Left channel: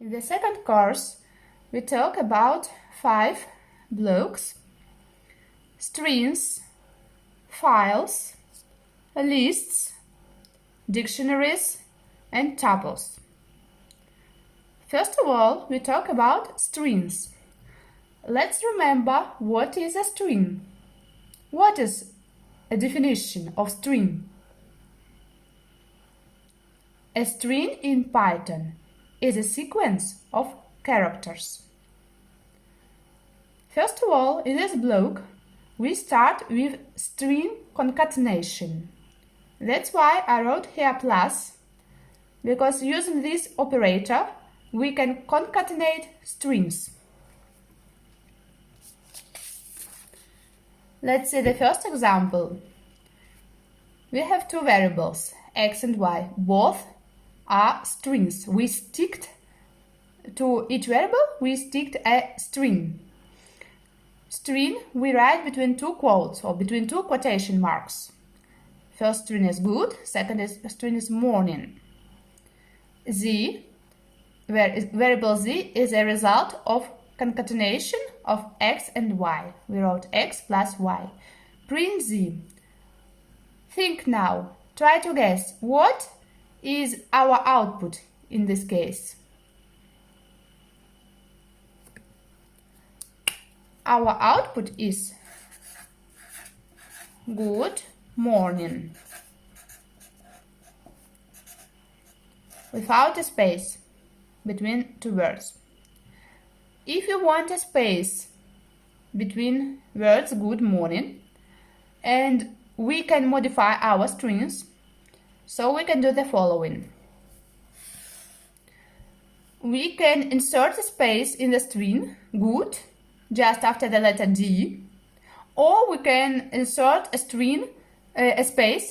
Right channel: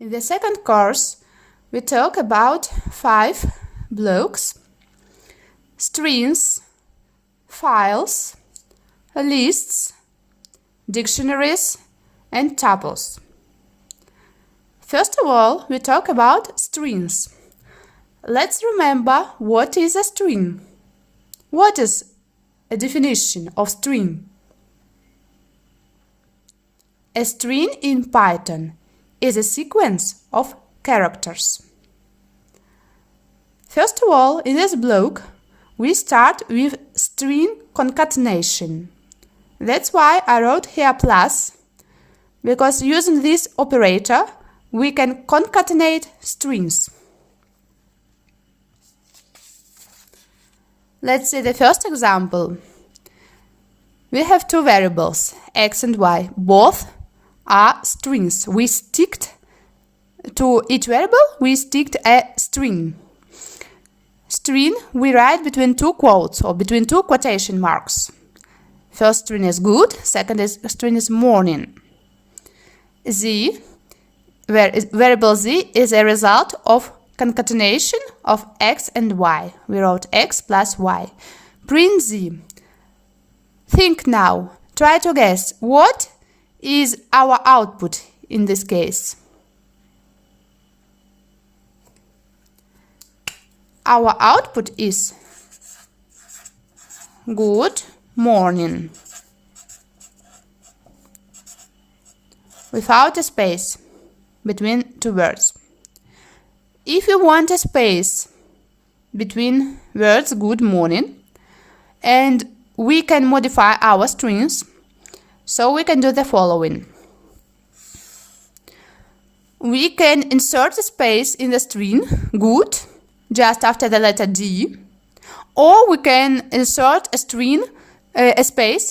In the second course, we talk about 5 blocks: strings, files, lists, dictionaries, and tuples. First of all, we talk about strings. Let's remember what is a string. What is a definition of string? A string in Python is a sequence of characters. First of all, in this block, we start with string concatenation. That's why I wrote here plus, because using this operator, we can concatenate strings. Let's see the first example. We have two variables, x and y. Both are strings. We sticked to each variable, we sticked a string. String we write between two quotes or between two quotation marks. First string is good, second string is morning. Variable z is a result of concatenation of x and y. We wrote x plus y. Print z. Think now. Try to guess what is our output in this case. Our output is good morning, without a space between two words. If you want a space between words good morning, and we can modify our strings, so we can do the following. We can insert a space in the string good just after the letter D, or we can insert a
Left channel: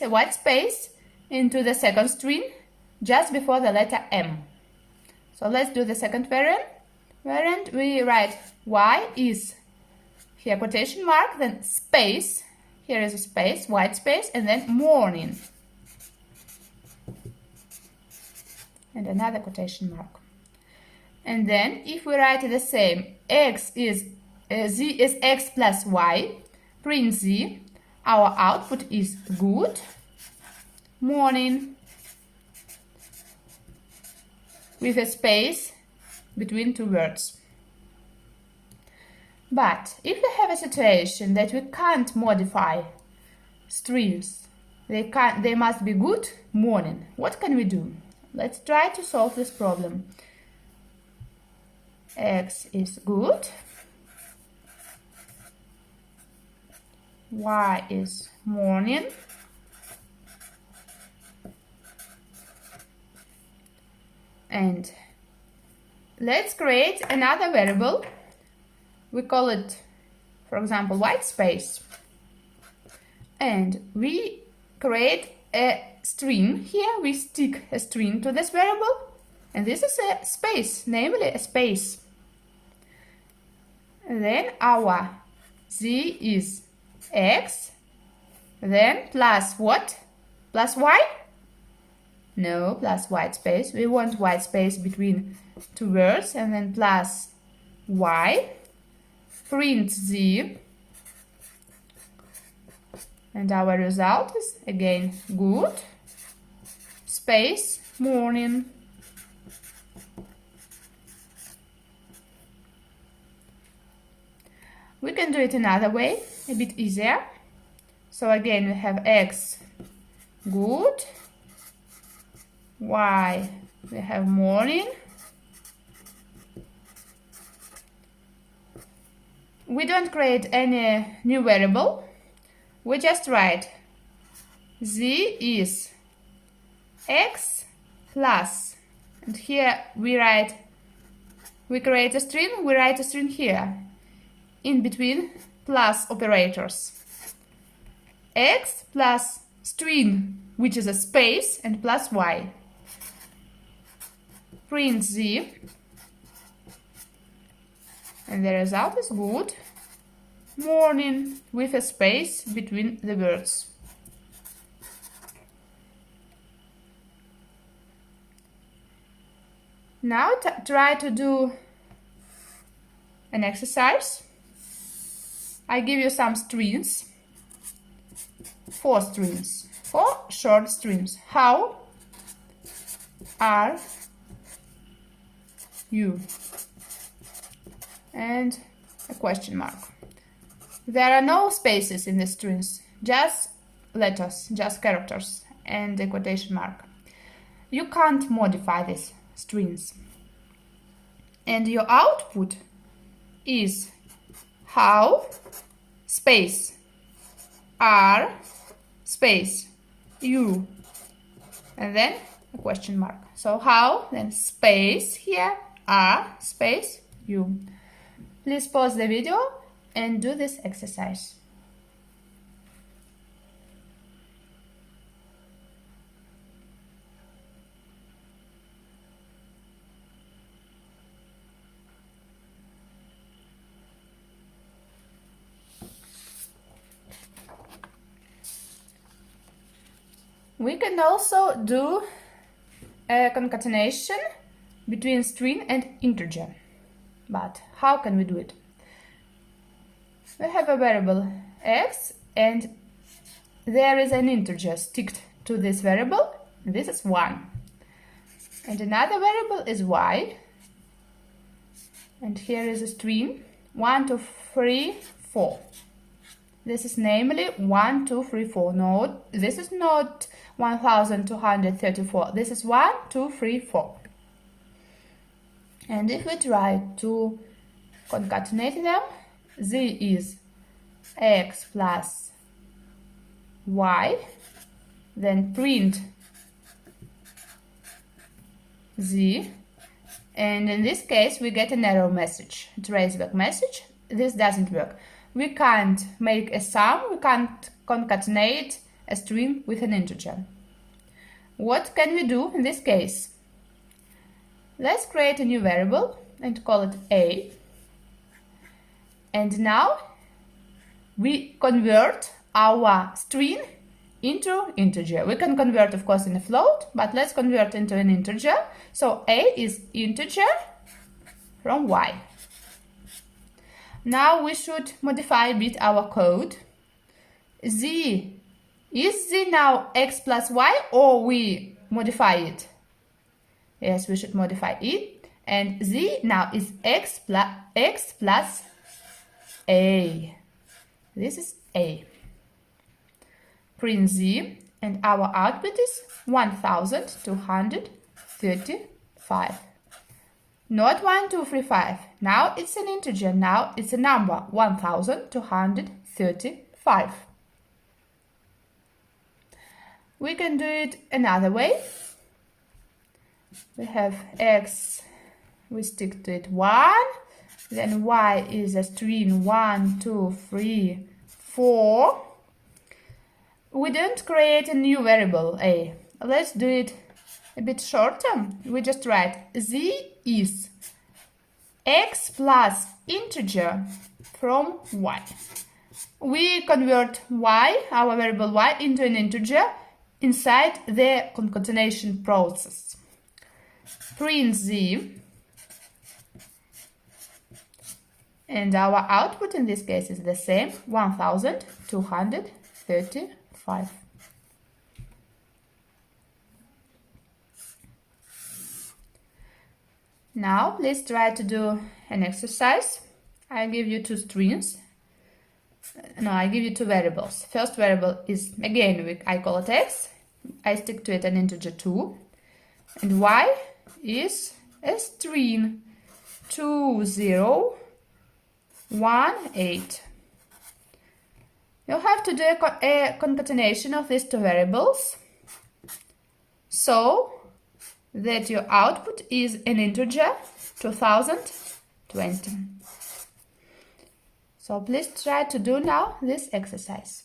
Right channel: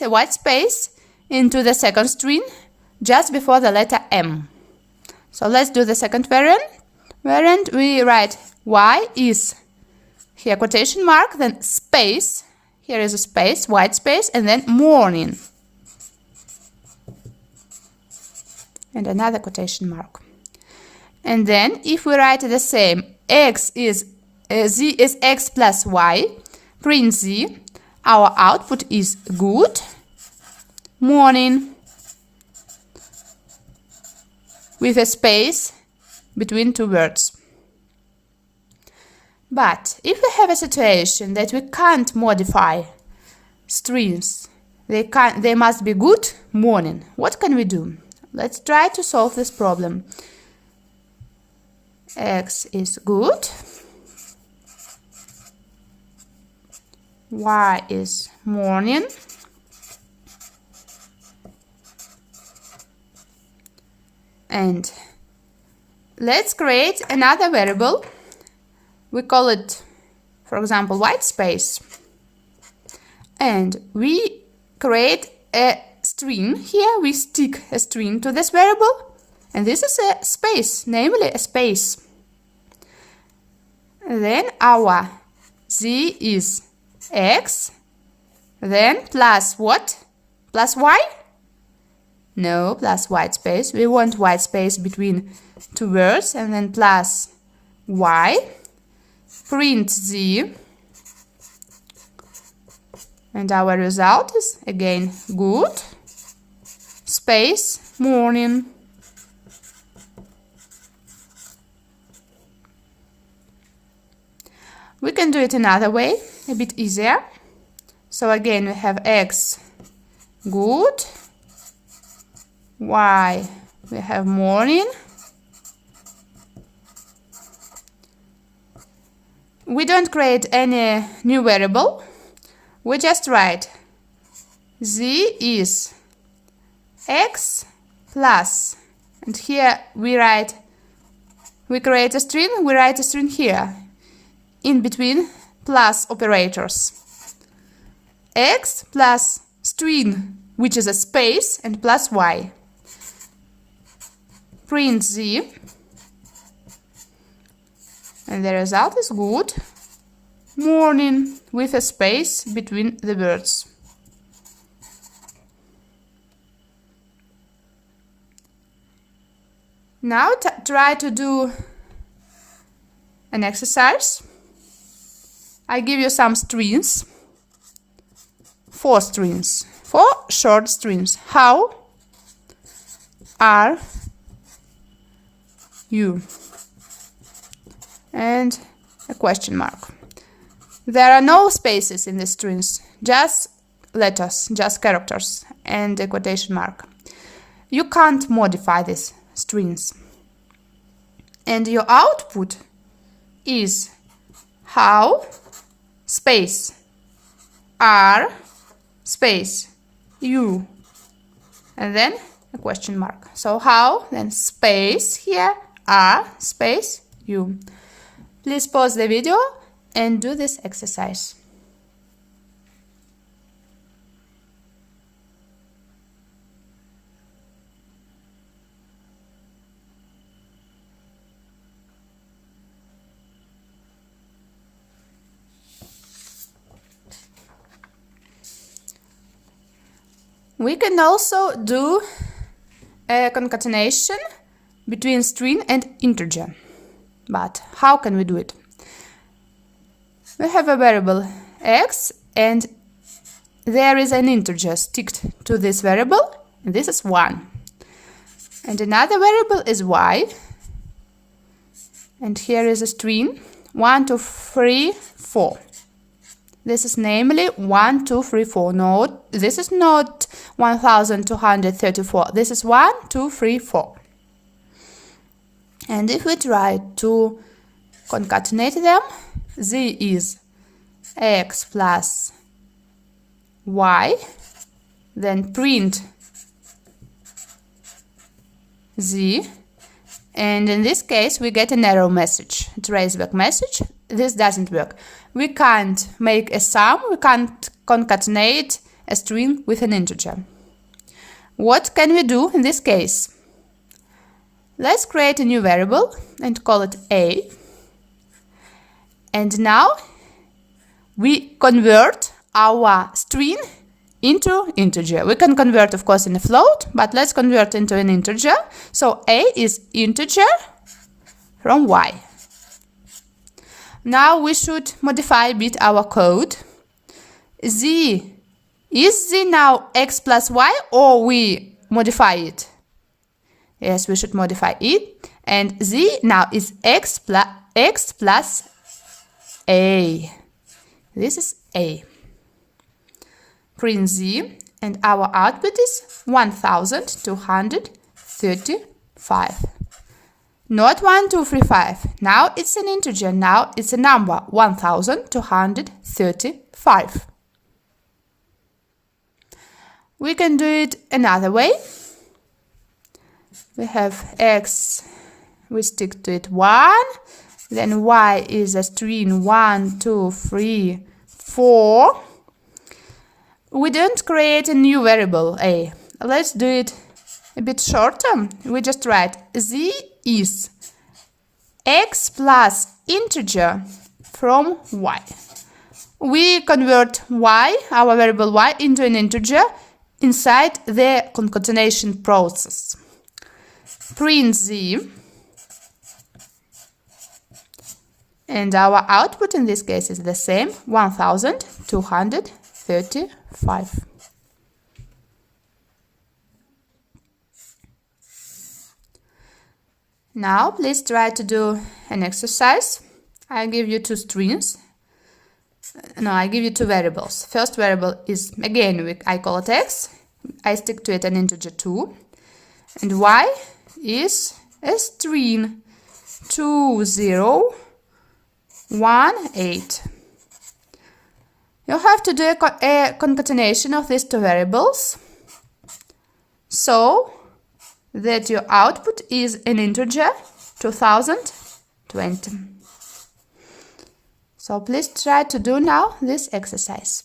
white space into the second string just before the letter M. So let's do the second variant. We write y is, here quotation mark, then space, here is a space, white space, and then morning. And another quotation mark. And then if we write the same, z is x plus y, print z, our output is good morning, with a space between two words. But if we have a situation that we can't modify strings, they must be good morning, what can we do? Let's try to solve this problem. X is good, y is morning, and let's create another variable. We call it, for example, white space, and we create a string. Here we stick a string to this variable, and this is a space, namely a space. And then our z is x, then plus what? Plus y? No, plus white space. We want white space between two words, and then plus y. Print z, and our result is again good space morning. We can do it another way, a bit easier. So again we have x good, y we have morning. We don't create any new variable. We just write z is x plus, and here we create a string, we write a string here in between plus operators. X plus string, which is a space, and plus y. Print z, and the result is good morning, with a space between the words. Now try to do an exercise. I give you some strings, 4 strings, 4 short strings. How are you? And a question mark. There are no spaces in the strings, just letters, just characters, and a quotation mark. You can't modify these strings. And your output is how space are space you, and then a question mark. So how, then space here, are space you. Please pause the video and do this exercise. We can also do a concatenation between string and integer. But how can we do it? We have a variable x and there is an integer sticked to this variable, and this is 1. And another variable is y, and here is a string 1, 2, 3, 4. This is namely 1, 2, 3, 4. No, this is not 1234. This is 1, 2, 3, 4. And if we try to concatenate them, z is x plus y, then print z, and in this case we get an error message, a traceback message. This doesn't work. We can't make a sum, we can't concatenate a string with an integer. What can we do in this case? Let's create a new variable and call it a. And now we convert our string into integer. We can convert, of course, in a float, but let's convert into an integer. So a is integer from y. Now we should modify a bit our code. Is z now x plus y, or we modify it? Yes, we should modify it. And z now is x plus a. This is a. Print z, and our output is 1235. Not 1, 2, 3, 5. Now it's an integer. Now it's a number, 1235. We can do it another way. We have x, we stick to it 1, then y is a string 1, 2, 3, 4. We don't create a new variable a. Let's do it a bit shorter. We just write z is x plus integer from y. We convert y, our variable y, into an integer inside the concatenation process. Print z, and our output in this case is the same, 1235. Now please try to do an exercise. I give you 2 strings. No, I give you 2 variables. First variable is, again, I call it x. I stick to it an integer 2. And y is a string 2018. You have to do a concatenation of these 2 variables so that your output is an integer 2020. So please try to do now this exercise.